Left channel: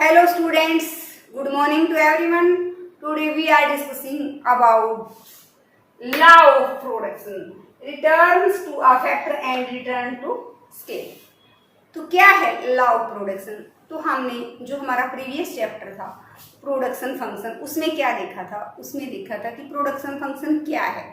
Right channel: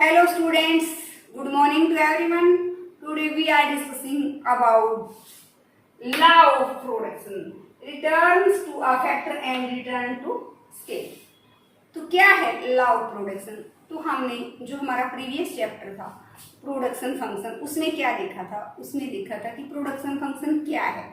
Hello students, good morning to everyone. Today we are discussing about law of production, returns to a factor and return to scale. तो क्या है law of production? तो हमने जो हमारा previous chapter था production function, उसमें क्या देखा था? उसमें देखा था कि प्रोडक्शन फंक्शन क्या है,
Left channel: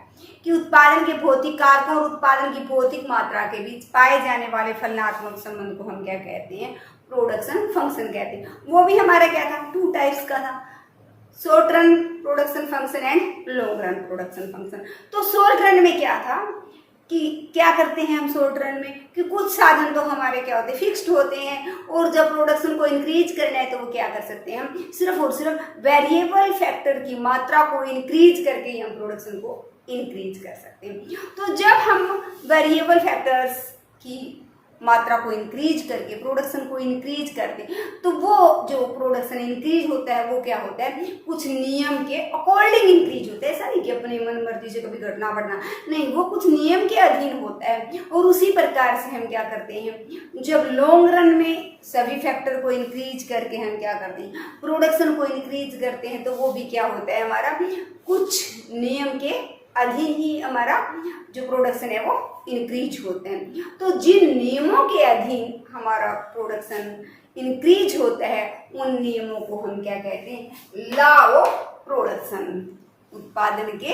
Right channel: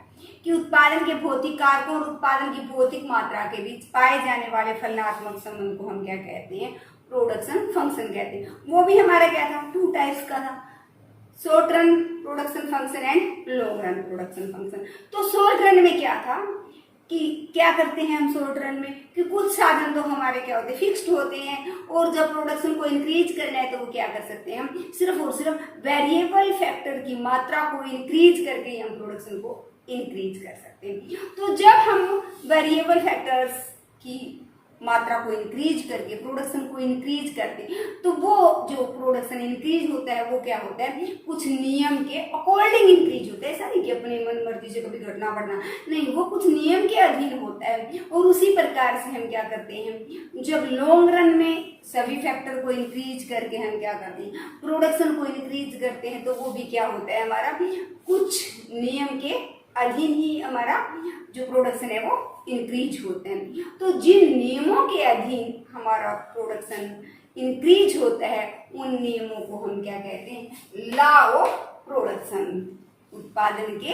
कि उत्पादन के भौतिक कारकों और उत्पादन की भौतिक मात्रा के बीच पाए जाने वाले फलनात्मक संबंध को हम क्या कहते हैं? प्रोडक्शन फंक्शन कहते हैं। वो भी हमारा क्या था? 2 टाइप्स का था, short run production function and long run production function. तो शॉर्ट रन में क्या था कि क्या करते हैं हम शॉर्ट रन में, कि कुछ साधन तो हमारे क्या होते हैं? फिक्स्ड होते हैं, और जब प्रोडक्शन को इंक्रीज करना है तो वो क्या कर सकते हैं? हम सिर्फ और सिर्फ वेरिएबल फैक्टर की मात्रा को इंक्रीज करके ही हम प्रोडक्शन को इंक्रीज कर सकते हैं। तो जब हम वेरिएबल फैक्टर्स की मात्रा को इंक्रीज करके प्रोडक्शन को इंक्रीज करते हैं, तो वो जो प्रोडक्शन इंक्रीज होता है वो क्या होता है? कुछ नियम के अकॉर्डिंग इंक्रीज होता है। ऐसा नहीं कि अपने मन मर्जी से कभी घटना बढ़ना, नहीं, वो कुछ नियम के अधीन होता है। और उसी प्रकार से हम क्या करते हैं, जब लॉन्ग रन में सभी फैक्टर को इंक्रीज करके हम क्या करते हैं? प्रोडक्शन को इंक्रीज करते हैं, तो वो भी क्या होता है? हमारा कुछ नियम के अधीन ही हमारा जो प्रोडक्शन है वो इंक्रीज होते हैं। तो जिन नियमों के अधीन हमारा प्रोडक्शन इंक्रीज होता है, उन नियमों को हम क्या कहते हैं? लॉ ऑफ प्रोडक्शन, उत्पादन के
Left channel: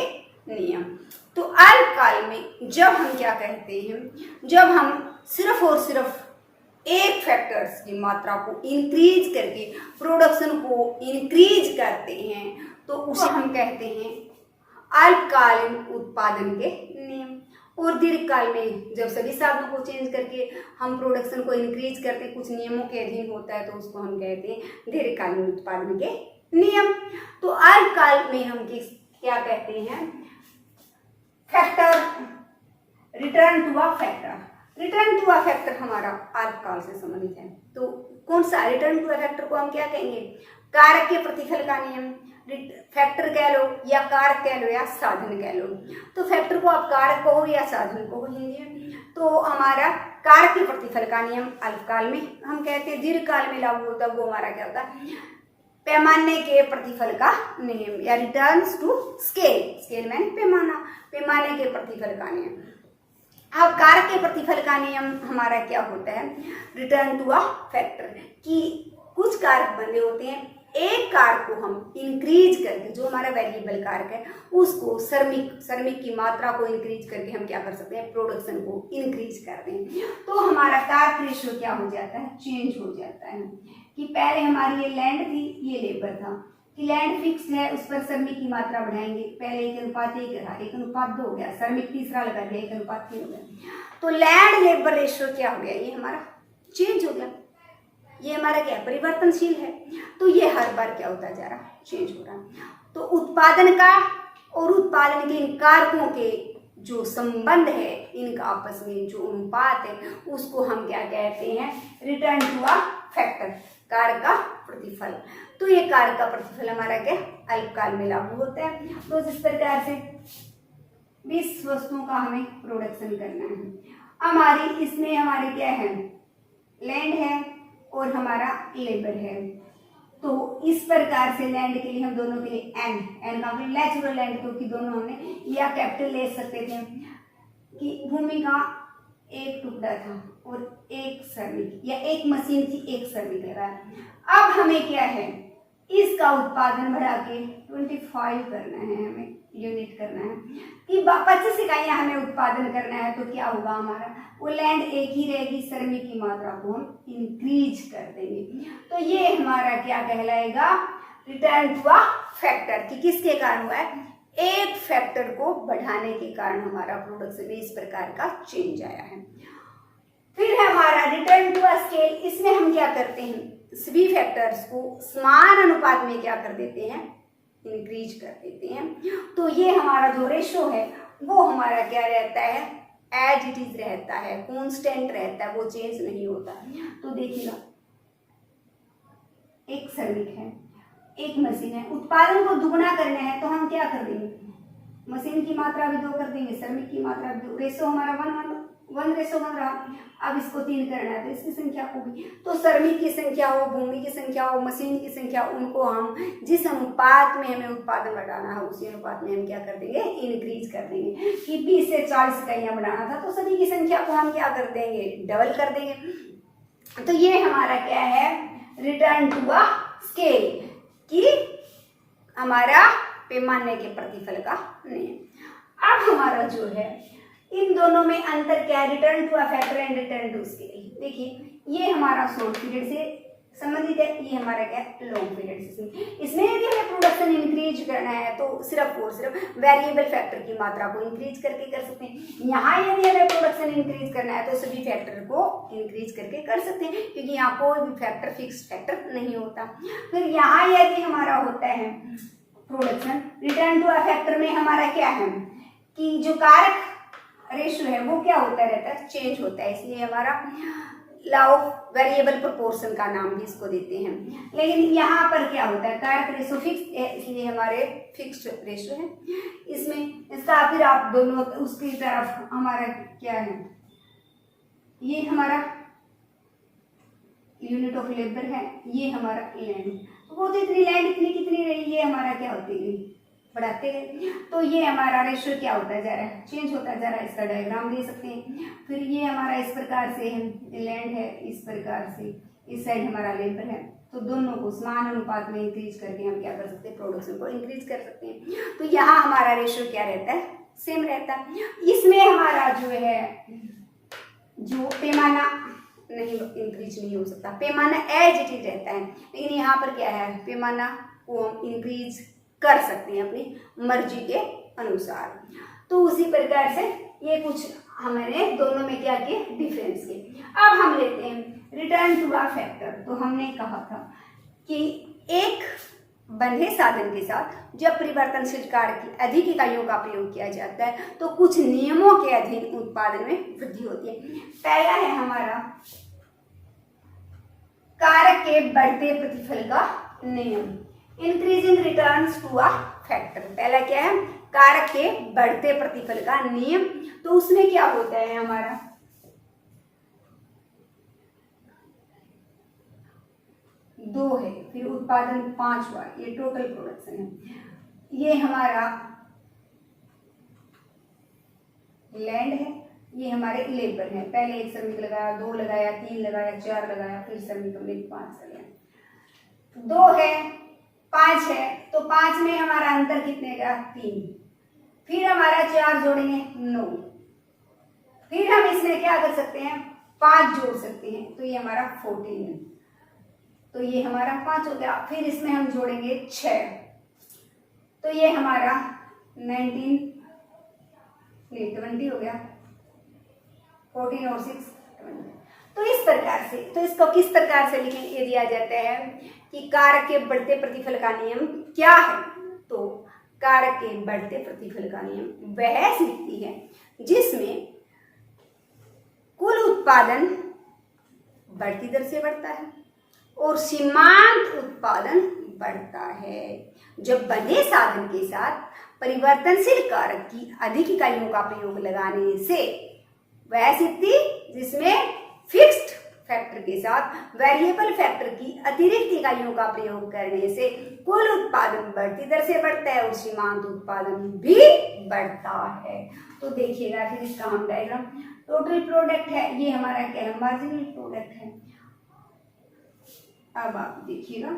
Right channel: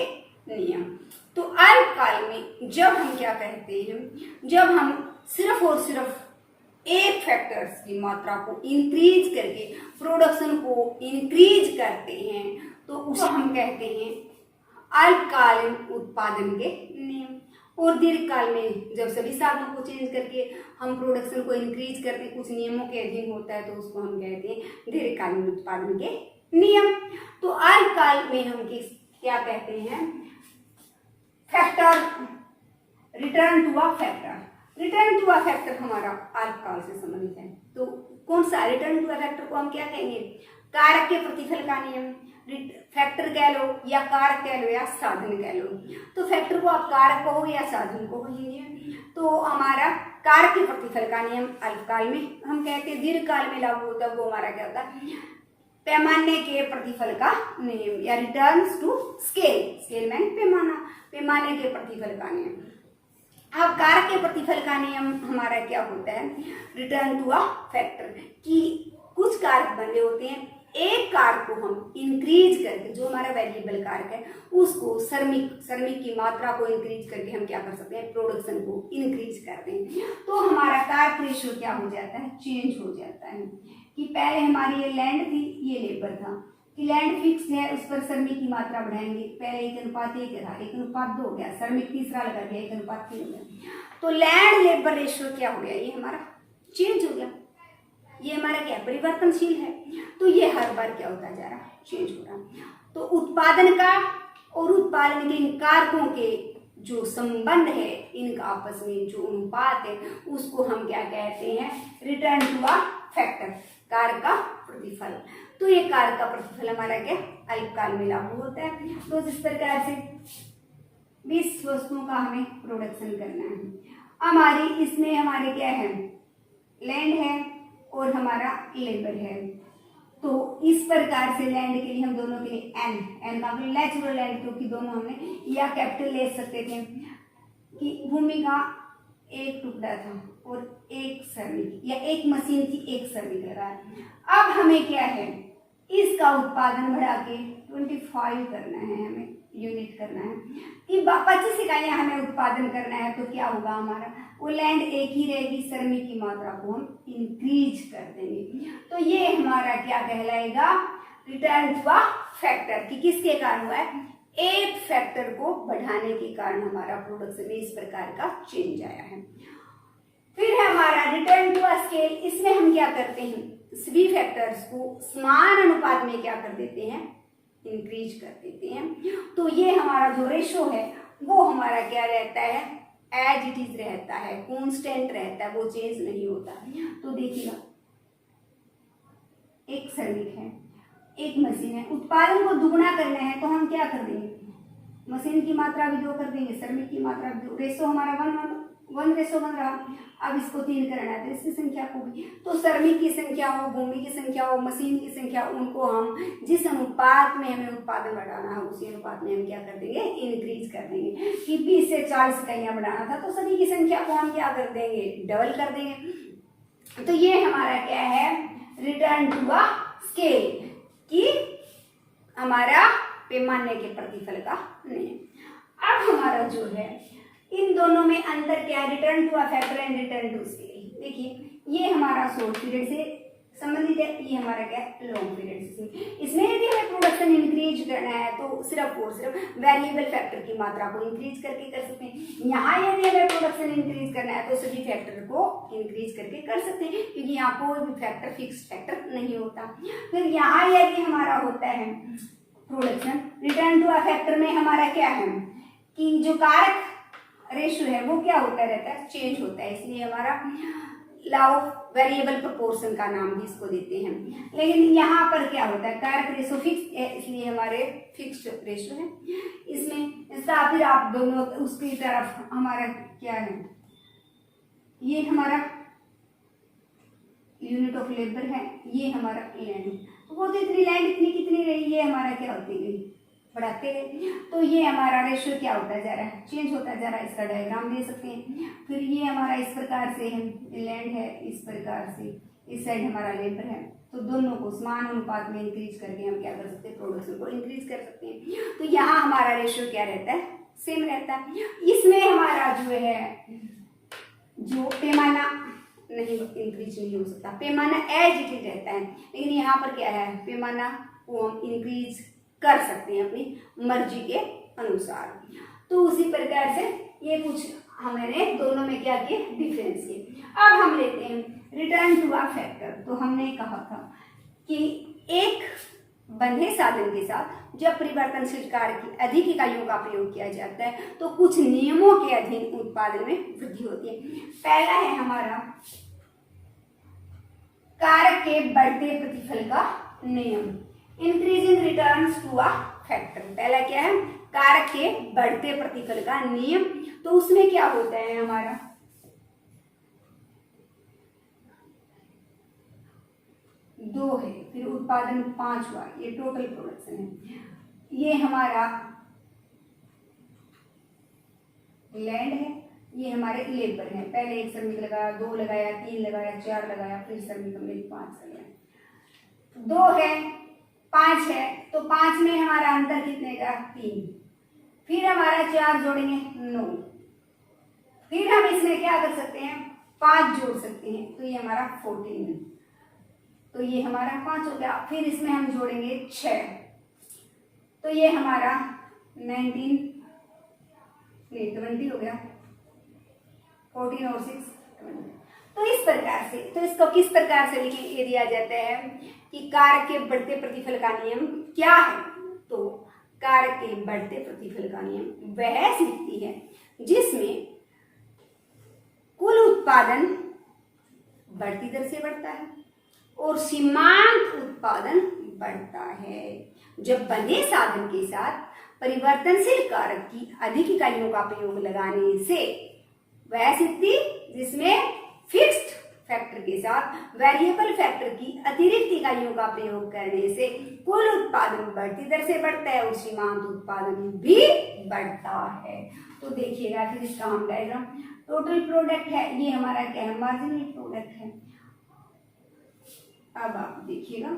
नियम। तो अल्पकाल में जब हम क्या कहते हैं, जब हम सिर्फ और सिर्फ एक फैक्टर्स की मात्रा को इंक्रीज करके प्रोडक्शन को इंक्रीज करते हैं, तो उसे हम कहते हैं अल्पकालीन उत्पादन के नियम। और दीर्घकाल में जब सभी साधनों को चेंज करके हम प्रोडक्शन को इंक्रीज करते हैं, कुछ नियमों के अधीन होता है, तो उसको हम कहते हैं दीर्घकालीन उत्पादन के नियम। तो अल्पकाल में हम क्या कहते हैं? Factor, return to a factor. Return to a factor हमारा अल्पकाल से संबंधित है। तो कौन सा? रिटर्न टू अ फैक्टर को हम क्या कहेंगे? कारक के प्रतिफल का नियम। फैक्टर कह लो या कारक कह लो या साधन कह लो। तो फैक्टर को आप कारक कहो या साधन को कहेंगे। तो हमारा कारक के प्रतिफल का नियम अल्पकाल में हम कहते हैं, दीर्घकाल में लागू होता है, वो हमारा क्या होता है? पैमाने के प्रतिफल का नियम या रिटर्न्स टू स्केल। स्केल मैन पैमाना, पैमाने के प्रतिफल का नियम। अब कारक के प्रतिफल का नियम हमारा क्या होता है? रिटर्न टू अ फैक्टर, कि कुछ कारक बने होते हैं, एक कारक को हम इंक्रीज करके, जो हमारा वेरिएबल कारक है उसको श्रमिक की मात्रा को इंक्रीज करके हम क्या कर सकते हैं? प्रोडक्शन को इंक्रीज करते हैं। तो हमारा कारक रेशियो क्या हो जाता है? चेंज हो जाता है। कि पहले हमारी ये लैंड थी, ये लेबर था, कि लैंड फिक्स है, उस पर श्रमिक की मात्रा बढ़ाएंगे। पहले 1:1 था, 1:2 हो गया, श्रमिक तीसरा लगा दिया, 1:3 हो गया। तो लैंड लेबर रेशियो क्या हो गया? ये हमारा चेंज हो गया। ये हमारा क्या? परिवर्तनशील है। तो ये हर बार क्या होता जा रहा है? चेंज हो रहा है। तो उत्पादन का और उत्पादन के इन कारकों के जो संबंध है, इनका आपस में जो अनुपात है, उसको हम क्या कहते हैं? रिटर्न टू अ फैक्टर, कारक का प्रतिफल। तो ये कारक का प्रतिफल हमारा क्या? अल्पकाल में लागू होता है। तो जिस प्रकार से 20 वस्तुओं का हमें प्रोडक्शन करना है, हमारी इसमें हमारे क्या है? लैंड है और हमारा लेबर है। तो इस प्रकार से लैंड के लिए हम दोनों के लिए एन का नेचुरल लैंड, क्योंकि दोनों हमने या कैपिटल ले सकते थे, कि भूमि का एक टुकड़ा था और एक श्रमिक या एक मशीन की एक श्रमिक लगा है। अब हमें क्या है? इसका उत्पादन बढ़ा के 25 करना है, हमें यूनिट करना है, कि 25 इकाइयां हमें उत्पादन करना है। तो क्या होगा हमारा? वो लैंड एक ही रहेगी, श्रमिक की मात्रा को हम इंक्रीज कर देंगे। तो ये हमारा क्या कहलाएगा? रिटर्न टू अ फैक्टर, कि किसके कारण हुआ है? एक फैक्टर को बढ़ाने के कारण हमारा प्रोडक्शन में इस प्रकार का चेंज आया है। फिर हमारा रिटर्न टू अ स्केल, इसमें हम क्या करते हैं? सभी फैक्टर्स को समान अनुपात में क्या कर देते हैं? इंक्रीज कर देते हैं। तो ये हमारा जो रेशो है वो हमारा क्या रहता है? एज इट इज रहता है, कांस्टेंट रहता है, वो चेंज नहीं होता। तो देखिएगा, एक श्रमिक है, एक मशीन है, उत्पादन को दुगना करना है, तो हम क्या कर देंगे? मशीन की मात्रा भी 2 कर देंगे, श्रमिक की मात्रा भी 2। रेशो हमारा 1:1 1:1 रहा। अब इसको 3 करना है तो इसकी संख्या को भी, तो श्रमिक की संख्या हो, भूमि की संख्या हो, मशीन की संख्या, उनको हम जिस अनुपात में हमें उत्पादन बढ़ाना है उसी अनुपात में हम क्या कर देंगे, इंक्रीज कर देंगे। कि 20 से 40 इकाइयां बढ़ाना था तो सभी की संख्या को हम क्या कर देंगे, डबल कर देंगे। तो ये हमारा क्या है, रिटर्न टू अ स्केल, कि हमारा पैमाने के प्रतिफल का नियम। अब हमारा जो है इन दोनों में अंतर क्या है, return to a factor and return to scale. देखिए ये हमारा शॉर्ट पीरियड से संबंधित है, ये हमारा क्या लॉन्ग पीरियड से। इसमें यदि हमें प्रोडक्शन इंक्रीज करना है तो सिर्फ और सिर्फ वेरिएबल फैक्टर की मात्रा को इंक्रीज करके कर सकते हैं। यहाँ यदि हमें प्रोडक्शन इंक्रीज करना है तो सभी फैक्टर को इंक्रीज करके कर सकते हैं, क्योंकि यहाँ कोई भी फैक्टर फिक्स फैक्टर नहीं होता। फिर यहाँ यदि हमारा होता है production, return to a factor में हमारा क्या है कि जो कारक रेशियो है वो क्या होता रहता है, चेंज होता है, इसलिए हमारा लॉ ऑफ वेरिएबल प्रोपोर्शन का नाम भी इसको देते हैं। लेकिन यहाँ पर क्या होता है, कारक रेशियो फिक्स है इसलिए हमारे फिक्स्ड रेशियो है। इसमें इसका फिर आप दोनों उसकी तरफ हमारा क्या है, ये हमारा यूनिट ऑफ लेबर है, ये हमारा लैंड, वो तो इतनी लैंड इतनी कितनी रही, ये हमारा क्या होती गई, बढ़ाते गए। तो ये हमारा रेशियो क्या होता है, जरा चेंज होता है, जरा इसका डायग्राम दे सकते हैं। फिर ये हमारा इस प्रकार से है, लैंड है, इस प्रकार से इस साइड हमारा लेबर है, तो दोनों को समान अनुपात में इंक्रीज करके हम क्या कर सकते हैं, प्रोडक्शन को इंक्रीज कर सकते हैं। तो यहाँ हमारा रेशियो क्या रहता है, सेम रहता है। इसमें हमारा जो है जो पैमाना नहीं इंक्रीज नहीं हो सकता, पैमाना एज इट इज रहता है। लेकिन यहाँ पर क्या है, पैमाना को हम इंक्रीज कर सकते हैं अपनी मर्जी के अनुसार। तो उसी प्रकार से ये कुछ हमने दोनों में क्या किए, डिफरेंस किए। अब हम लेते हैं रिटर्न टू अ फैक्टर। तो हमने कहा था कि एक बंधे साधन के साथ जब परिवर्तनशील कार्य की अधिक इकाइयों का प्रयोग किया जाता है तो कुछ नियमों के अधीन उत्पादन में वृद्धि होती है। पहला है हमारा कारक के बढ़ते प्रतिफल का नियम, increasing returns to a factor. पहला क्या है, कारक के बढ़ते प्रतिफल का नियम। तो उसमें क्या होता है हमारा, दो है, फिर उत्पादन 5 हुआ, ये टोटल प्रोडक्शन है। ये हमारा लैंड है, ये हमारे लेबर है। पहले एक श्रमिक लगाया, 2 लगाया, 3 लगाया, 4 लगाया, फिर श्रमिक हमने 5 कर लिया। 2 है, 5 है, तो 5 में हमारा अंतर कितने का, 3। फिर हमारा 4 जोड़ेंगे 9, फिर हम इसमें क्या कर सकते हैं, 5 जोड़ सकते हैं, तो ये हमारा 14 है। तो ये हमारा 5 हो गया। फिर इसमें हम जोड़ेंगे 6, तो ये हमारा 20 हो गया। 14 और 6 20। तो इस प्रकार से, तो इसको किस प्रकार से लिखें, ये दिया जाता है कि कारक के बढ़ते प्रतिफल का नियम क्या है। तो कारक के बढ़ते प्रतिफल का नियम वह स्थिति है जिसमें कुल उत्पादन बढ़ती दर से बढ़ता है और सीमांत उत्पादन बढ़ता है जब बंधे साधन के साथ परिवर्तनशील कारक की अधिक इकाइयों का प्रयोग लगाने से। वह स्थिति जिसमें फिक्स्ड फैक्टर के साथ वेरिएबल फैक्टर की अतिरिक्त इकाइयों का प्रयोग करने से कुल उत्पादन बढ़ती दर से बढ़ता है और सीमांत उत्पादन भी बढ़ता है। तो देखिएगा फिर इसका हम डायग्राम, टोटल प्रोडक्ट है, ये हमारा क्या है, मार्जिनल प्रोडक्ट है। अब आप देखिएगा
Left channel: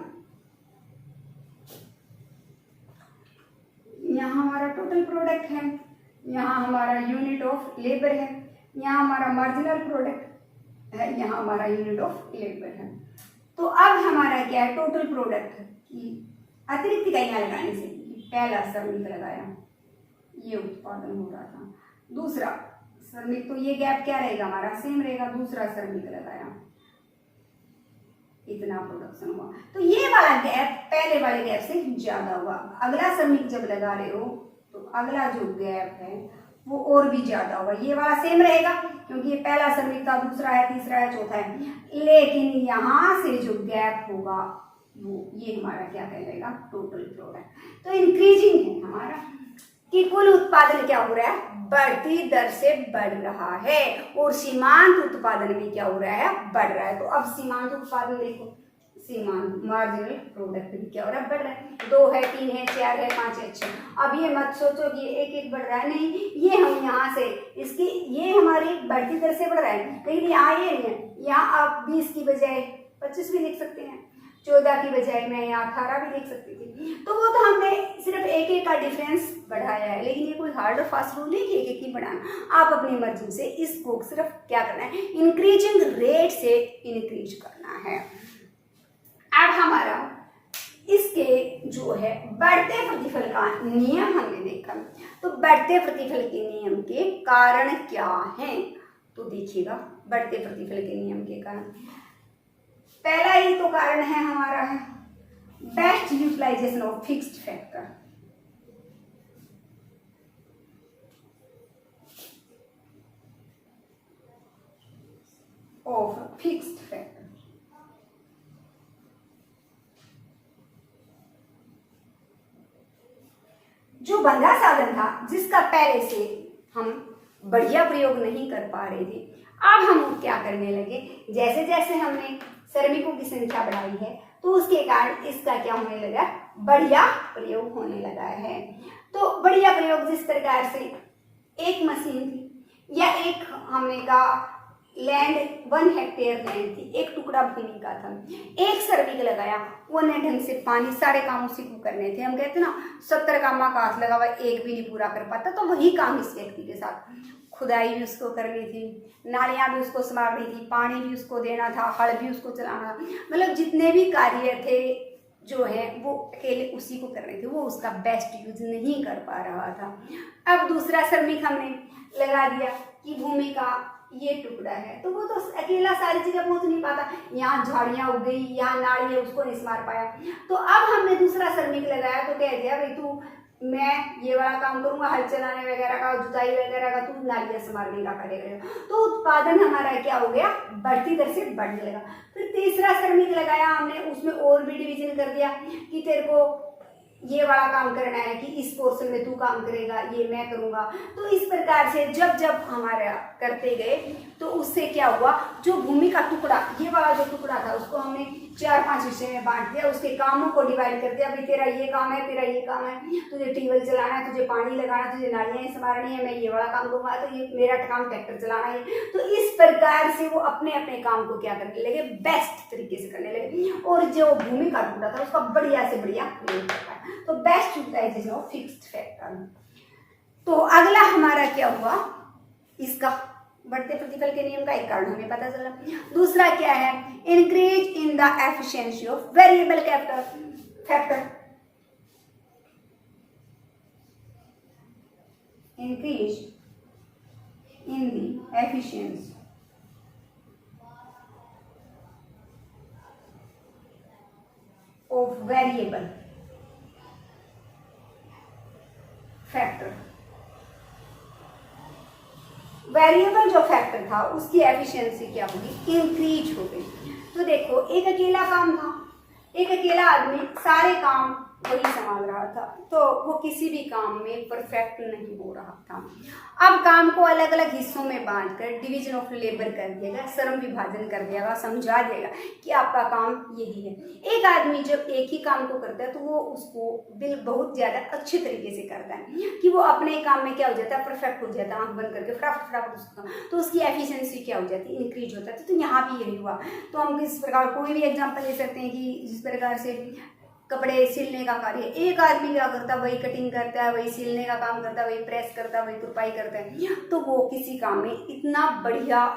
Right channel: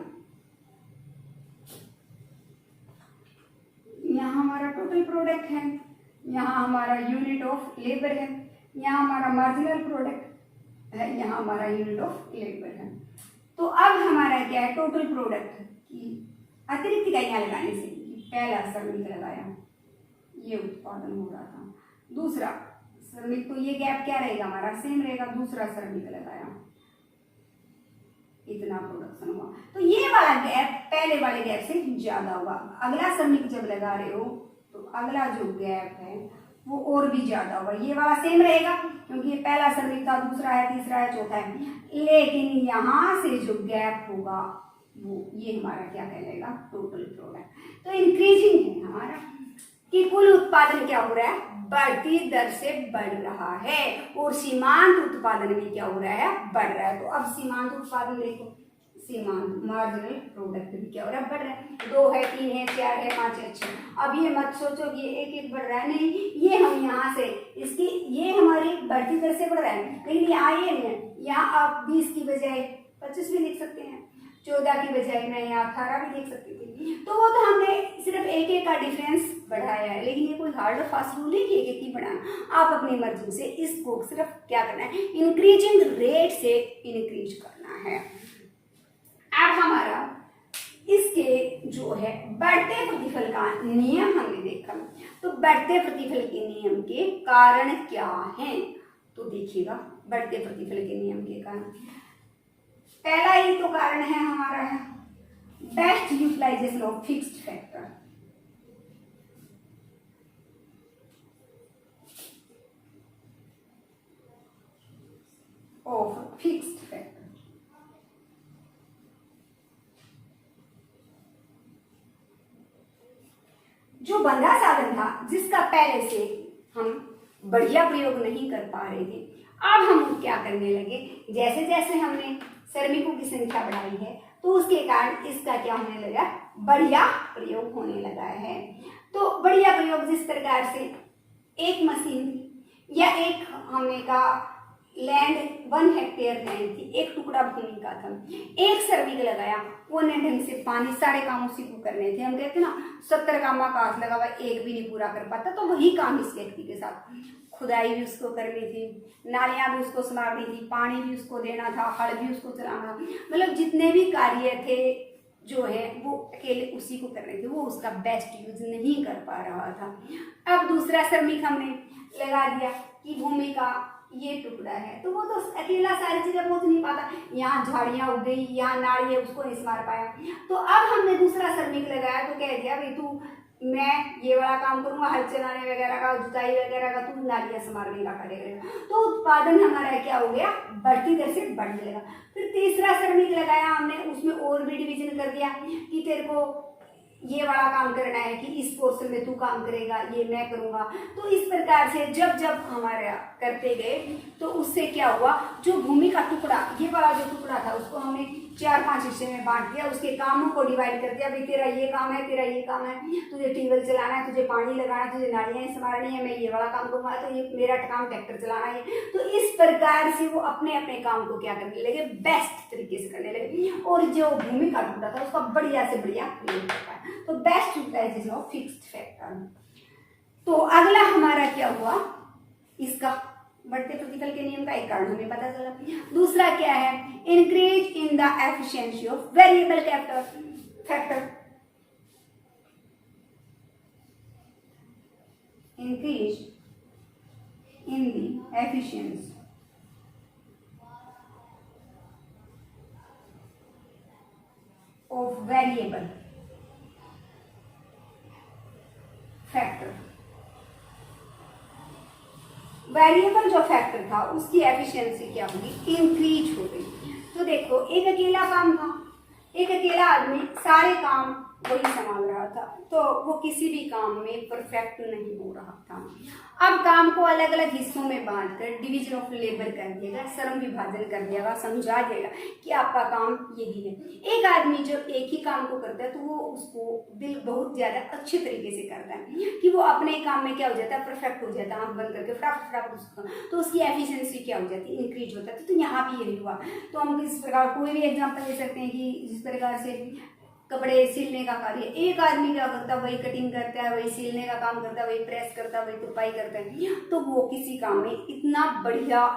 यहाँ हमारा टोटल प्रोडक्ट है, यहाँ हमारा यूनिट ऑफ लेबर है, यहाँ हमारा मार्जिनल प्रोडक्ट है, यहाँ हमारा यूनिट ऑफ लेबर है। तो अब हमारा क्या है, टोटल प्रोडक्ट की अतिरिक्त इकाइयां लगाने से पहला श्रमिक लगाया, ये उत्पादन हो रहा था। दूसरा श्रमिक, तो ये गैप क्या रहेगा हमारा, सेम रहेगा। दूसरा श्रमिक लगाया, इतना प्रोडक्शन हुआ। तो ये वाला गैप पहले वाले गैप से ज्यादा हुआ। अगला श्रमिक जब लगा रहे हो तो अगला जो गैप है वो और भी ज्यादा होगा। ये वाला सेम रहेगा क्योंकि ये पहला श्रमिक था, दूसरा है, तीसरा है, चौथा है। लेकिन यहाँ से जो गैप होगा वो ये हमारा क्या कहलाएगा, टोटल प्रोडक्ट। तो इंक्रीजिंग है हमारा। कि कुल उत्पादन क्या हो रहा है, बढ़ती दर से बढ़ रहा है, और सीमांत उत्पादन भी क्या हो रहा है, बढ़ रहा है। तो अब सीमांत उत्पादन देखो, सीमांत मार्जिनल प्रोडक्ट भी क्या हो रहा है, बढ़ रहा है। 2 है, 3 है, 4 है, 5 है। अच्छा, अब ये मत सोचो कि एक एक बढ़ रहा है, नहीं, ये हम यहाँ से इसकी ये हमारी बढ़ती दर से बढ़ रहा है, लेकिन यहाँ ये नहीं है। यहाँ आप 20 की बजाय 25 भी लिख सकते हैं, 14 की बजाय मैं यहाँ 18 भी लिख सकती थी। तो वो तो हमने सिर्फ एक एक का डिफरेंस बढ़ाया है, लेकिन ये कोई हार्ड और फास्ट रूल नहीं कि एक एक ही बढ़ाना। आप अपनी मर्जी से इसको सिर्फ क्या करना है, इंक्रीजिंग रेट से इंक्रीज करना है। अब हमारा इसके जो है बढ़ते प्रतिफल का नियम हमने देखा, तो बढ़ते प्रतिफल के नियम के कारण क्या हैं, तो देखिएगा बढ़ते प्रतिफल के नियम के कारण पहला ही तो कारण है हमारा है best utilization of fixed factor. Of fixed factor, जो बंधा साधन था जिसका पहले से हम बढ़िया प्रयोग नहीं कर पा रहे थे, अब हम क्या करने लगे, जैसे जैसे हमने श्रमिकों की संख्या बढ़ाई है तो उसके कारण इसका क्या होने लगा, बढ़िया प्रयोग होने लगा है। तो बढ़िया प्रयोग जिस प्रकार से एक मशीन थी या एक हमने कहा लैंड 1 हेक्टेयर लैंड थी, एक टुकड़ा भूमि का था, एक श्रमिक लगाया, वो ने ढंग से पानी सारे काम उसी को करने थे। हम कहते ना 70 कामा का हाथ लगा हुआ एक भी नहीं पूरा कर पाता, तो वही काम इस व्यक्ति के साथ, खुदाई भी उसको करनी थी, नालियां भी उसको संभालनी थी, पानी भी उसको देना था, हल भी उसको चलाना था, मतलब जितने भी कार्य थे जो है वो अकेले उसी को करने थे, वो उसका बेस्ट यूज नहीं कर पा रहा था। अब दूसरा श्रमिक हमने लगा दिया कि भूमि का ये टुकड़ा है, तो वो तो अकेला सारी जगह पहुंच नहीं पाता, यहाँ झाड़ियां उग गई, यहाँ नाड़ी है, उसको नहीं संभाल पाया। तो अब हमने दूसरा श्रमिक लगाया, तो कह दिया भाई तू, मैं ये वाला काम करूंगा, हल चलाने वगैरह का, जुताई वगैरह का, तू नालियां संभालने का कार्य करेगा। तो उत्पादन हमारा क्या हो गया, बढ़ती दर से बढ़ जाएगा। फिर तीसरा श्रमिक लगाया हमने, उसमें और भी डिवीजन कर दिया कि तेरे को ये वाला काम करना है कि इस पोर्शन में तू काम करेगा, ये मैं करूंगा। तो इस प्रकार से जब जब हमारा करते गए तो उससे क्या हुआ, जो भूमि का टुकड़ा, ये वाला जो टुकड़ा था उसको हमने 4-5 हिस्से में बांट दिया, उसके कामों को डिवाइड कर दिया, भाई तेरा ये काम है, तेरा ये काम है, तुझे ट्यूबवेल चलाना है, तुझे पानी लगाना, तुझे नालियां संभालनी है, मैं ये वाला काम करूंगा, तो ये मेरा काम ट्रैक्टर चलाना है। तो इस प्रकार से वो अपने अपने काम को क्या करने लगे, बेस्ट तरीके से करने लगे, और जो भूमि का टुकड़ा था उसका बढ़िया से बढ़िया प्रयोग करता है। तो best utilization of fixed factor. तो अगला हमारा क्या हुआ, इसका बढ़ते प्रतिफल के नियम का एक कारण हमें पता चला। दूसरा क्या है, increase in the efficiency of variable factor, increase in the efficiency of variable factor. Variable जो फैक्टर था उसकी एफिशिएंसी क्या होगी, इंक्रीज हो गई। तो देखो एक अकेला काम था, एक अकेला आदमी सारे काम वही संभाल रहा था, तो वो किसी भी काम में परफेक्ट नहीं हो रहा था। अब काम को अलग अलग हिस्सों में बांटकर डिवीजन ऑफ लेबर कर दिएगा, श्रम विभाजन कर दिएगा, समझा देगा कि आपका काम यही है। एक आदमी जब एक ही काम को करता है तो वो उसको दिल बहुत ज्यादा अच्छे तरीके से करता है कि वो अपने काम में क्या हो जाता है, परफेक्ट हो जाता है, आंख बंद करके फटाफट उसका, तो उसकी एफिशिएंसी क्या हो जाती है, इंक्रीज होता है। तो यहाँ भी यही हुआ। तो हम इस प्रकार कोई भी एग्जाम्पल ले सकते हैं कि जिस प्रकार से कपड़े सिलने का कार्य, एक आदमी क्या करता है, वही कटिंग करता है, वही सिलने का काम करता है, वही प्रेस करता है, वही तुरपाई करता है, तो वो किसी काम में इतना बढ़िया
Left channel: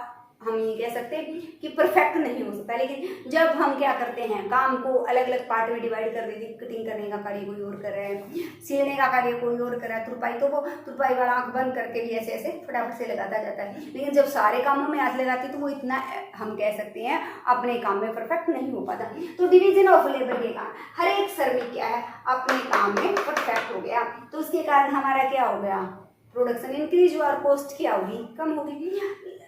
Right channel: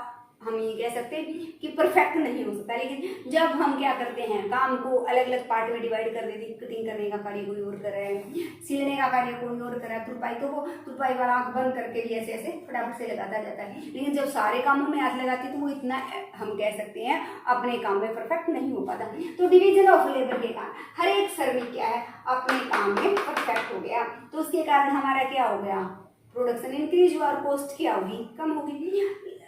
हम ये कह सकते हैं कि परफेक्ट नहीं हो सकता। लेकिन जब हम क्या करते हैं, काम को अलग अलग पार्ट में डिवाइड कर देते, कटिंग करने का कार्य कोई और कर रहा है, सिलने का कार्य कोई और कर रहा है, तुरपाई तो वो तुरपाई वाला आंख बंद करके भी ऐसे ऐसे फटाफट से लगाता जाता है। लेकिन जब सारे कामों में हाथ लगाते तो वो इतना हम कह सकते हैं अपने काम में परफेक्ट नहीं हो पाता। तो डिवीजन ऑफ लेबर के कारण हर एक श्रमिक क्या है, अपने काम में परफेक्ट हो गया। तो उसके कारण हमारा क्या हो गया, प्रोडक्शन इंक्रीज हुआ और कॉस्ट क्या होगी, कम होगी।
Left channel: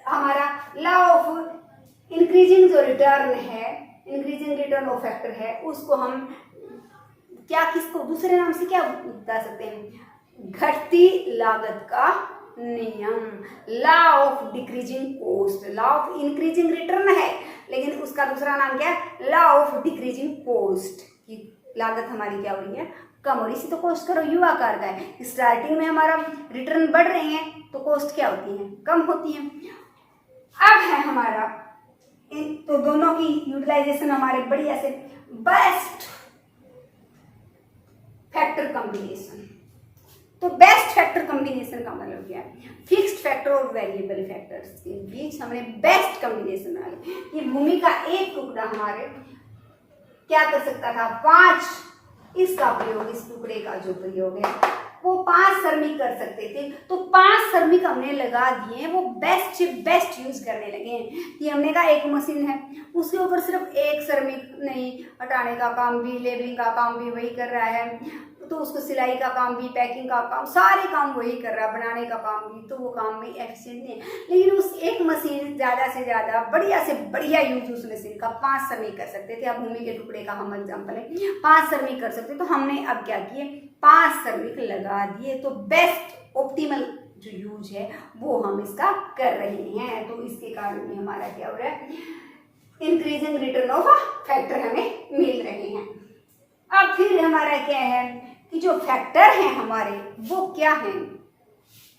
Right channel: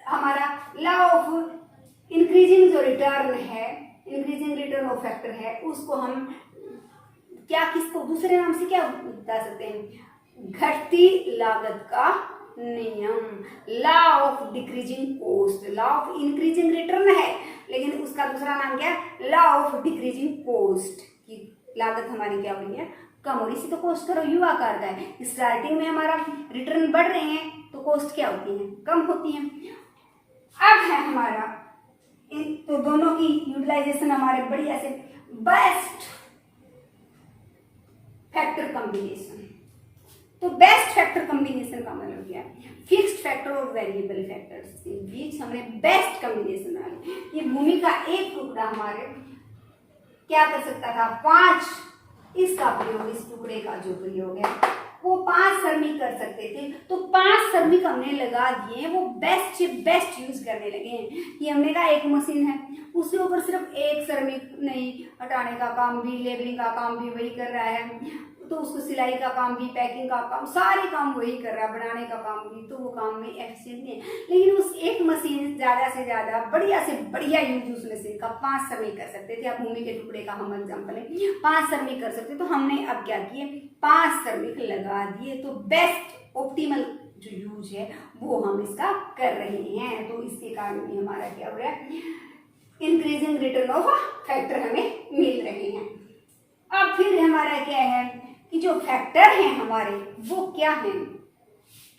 हमारा लॉ ऑफ इंक्रीजिंग जो रिटर्न है, इंक्रीजिंग रिटर्न ऑफ फैक्टर है, उसको हम क्या किसको दूसरे नाम से क्या बता सकते हैं, घटती लागत का नियम, law of decreasing cost. Law of increasing return है, लेकिन उसका दूसरा नाम क्या है, लॉ ऑफ डिक्रीजिंग कॉस्ट। की लागत हमारी क्या हो रही है, कम हो रही। इसी तो कॉस्ट का यू आकार का है। स्टार्टिंग में हमारा रिटर्न बढ़ रहे हैं तो कॉस्ट क्या होती है, कम होती है। अब है हमारा तो दोनों की यूटिलाइजेशन हमारे बढ़िया से बेस्ट फैक्टर कॉम्बिनेशन। तो बेस्ट फैक्टर कॉम्बिनेशन का मतलब क्या है, फिक्स्ड फैक्टर और वेरिएबल फैक्टर्स के बीच हमने बेस्ट कॉम्बिनेशन बना लिया। ये भूमि का एक टुकड़ा हमारे क्या कर सकता था, 5, इसका प्रयोग, इस टुकड़े का जो प्रयोग है वो 5 श्रमिक कर सकते थे। तो 5 श्रमिक हमने लगा दिए, वो बेस्ट से बेस्ट यूज करने लगे हैं। ये हमने कहा एक मशीन है, उसके ऊपर सिर्फ एक श्रमिक नहीं, हटाने का काम भी, लेबलिंग का काम भी वही कर रहा है, तो उसको सिलाई का काम भी, पैकिंग का काम, सारे काम वही कर रहा है, बनाने का काम भी, तो वो काम भी एफिशिएंट नहीं है। लेकिन उस एक मशीन ज्यादा से ज्यादा बढ़िया से बढ़िया यूज उस मशीन का 5 श्रमिक कर सकते थे। अब भूमि के टुकड़े का हम एग्जाम्पल है, 5 श्रमिक कर सकते, तो हमने अब क्या किए, 5 श्रमिक लगा दिए। तो बेस्ट ऑप्टिमल जो यूज है वो हम इसका कर रहे हैं। तो इसके कारण भी हमारा क्या हो रहा है, इंक्रीजिंग रिटर्न ऑफ फैक्टर हमें मिल रहे हैं। अब फिर हमारा क्या है कि जो फैक्टर हैं हमारे वो क्या हैं,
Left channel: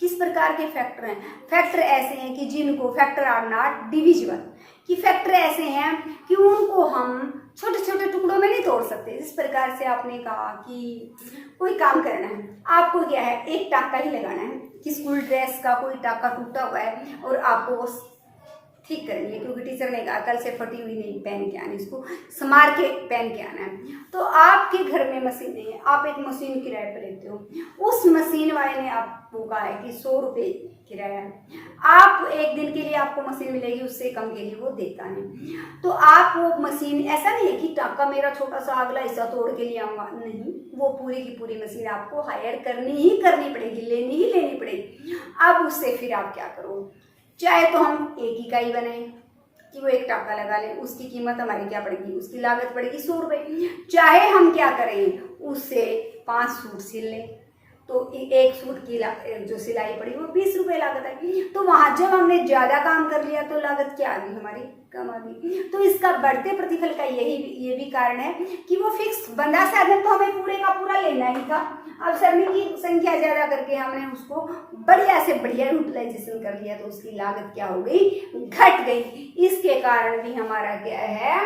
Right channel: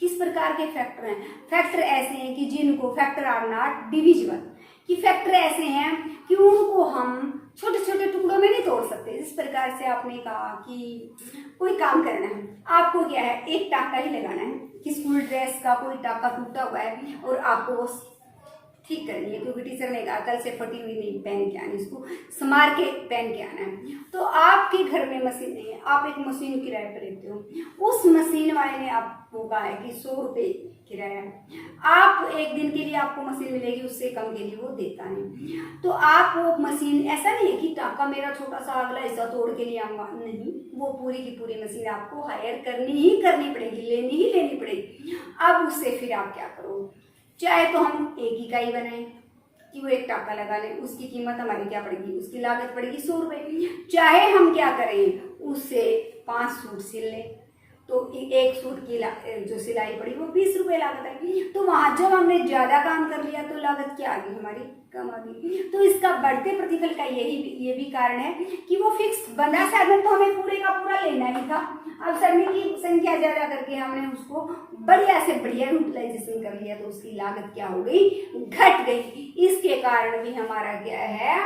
किस प्रकार के फैक्टर हैं। फैक्टर ऐसे हैं कि जिनको फैक्टर आर नॉट डिविजिबल, कि फैक्टर ऐसे हैं कि उनको हम छोटे छोटे टुकड़ों में नहीं तोड़ सकते। इस प्रकार से आपने कहा कि कोई काम करना है, आपको क्या है, एक टाका ही लगाना है कि स्कूल ड्रेस का कोई टाका टूटा हुआ है और आपको वो ठीक करनी है, क्योंकि टीचर ने कहा कल से फटी हुई नहीं पहन के आनी, इसको संभाल के पहन के आना है। तो आपके घर में मशीन नहीं है, आप एक मशीन किराए पर लेते हो, उस मशीन वाले ने आपको कहा है कि 100 रुपये किराया है, आप एक दिन के लिए आपको मशीन मिलेगी, उससे कम के लिए वो देता नहीं। तो आप वो मशीन, ऐसा नहीं है कि टाका मेरा छोटा सा अगला हिस्सा तोड़ के लिए आऊंगा, नहीं, वो पूरी की पूरी मशीन आपको हायर करनी ही करनी पड़ेगी, लेनी ही लेनी पड़ेगी। अब उससे फिर आप क्या करो, चाहे तो हम एक इकाई बनाएं कि वो एक टाका लगा ले, उसकी कीमत हमारी क्या पड़ेगी, उसकी लागत पड़ेगी 100 रुपये। चाहे हम क्या करें, उससे 5 सूट सिल लें, तो एक सूट की जो सिलाई पड़ी वो 20 रुपये लागत है। तो वहां जब हमने ज्यादा काम कर लिया तो लागत क्या आ गई, हमारी कम आ गई। तो इसका बढ़ते प्रतिफल का ये भी कारण है कि वो फिक्स बंधा साधन तो हमें पूरे का पूरा लेना ही था। अब श्रमिक की संख्या ज्यादा करके हमने उसको बढ़िया से बढ़िया यूटिलाइजेशन कर लिया, तो उसकी लागत क्या हो गई, घट गई। इसके कारण भी हमारा क्या है,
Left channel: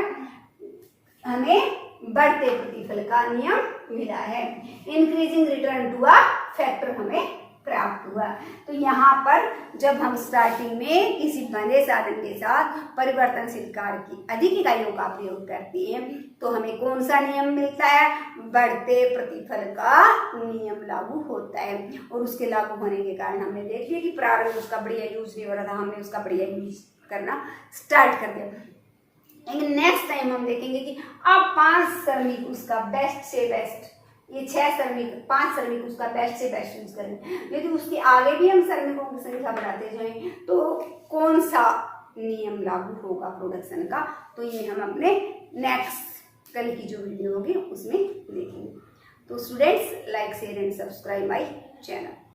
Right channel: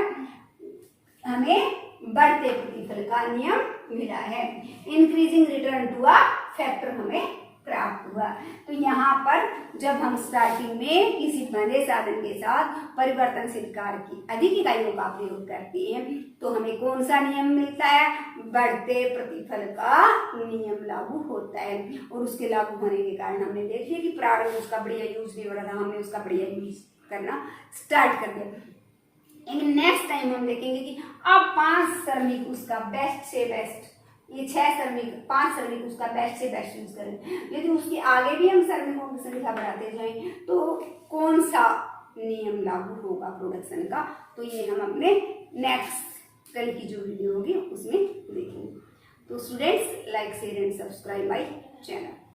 हमें बढ़ते प्रतिफल का नियम मिला है, increasing return to a factor हमें प्राप्त हुआ। तो यहाँ पर जब हम स्टार्टिंग में किसी बंधे साधन के साथ परिवर्तनशील कार्य की अधिक इकाइयों का प्रयोग करते हैं तो हमें कौन सा नियम मिलता है, बढ़ते प्रतिफल का नियम लागू होता है। और उसके लागू होने के कारण हमने देख लिया कि प्रारंभ उसका बढ़िया यूज नहीं हो रहा था, हमने उसका बढ़िया यूज करना स्टार्ट कर दिया। लेकिन नेक्स्ट टाइम हम देखेंगे कि अब 5 श्रमिक उसका बेस्ट से बेस्ट, ये 6 श्रमिक 5 श्रमिक उसका बेस्ट से बेस्ट यूज करें, लेकिन उसके आगे भी हम श्रमिकों की संख्या बढ़ाते जाएं तो कौन सा नियम लागू होगा प्रोडक्शन का, तो ये हम अपने नेक्स्ट कल की जो वीडियो होगी उसमें देखेंगे। तो students, like share and subscribe my channel.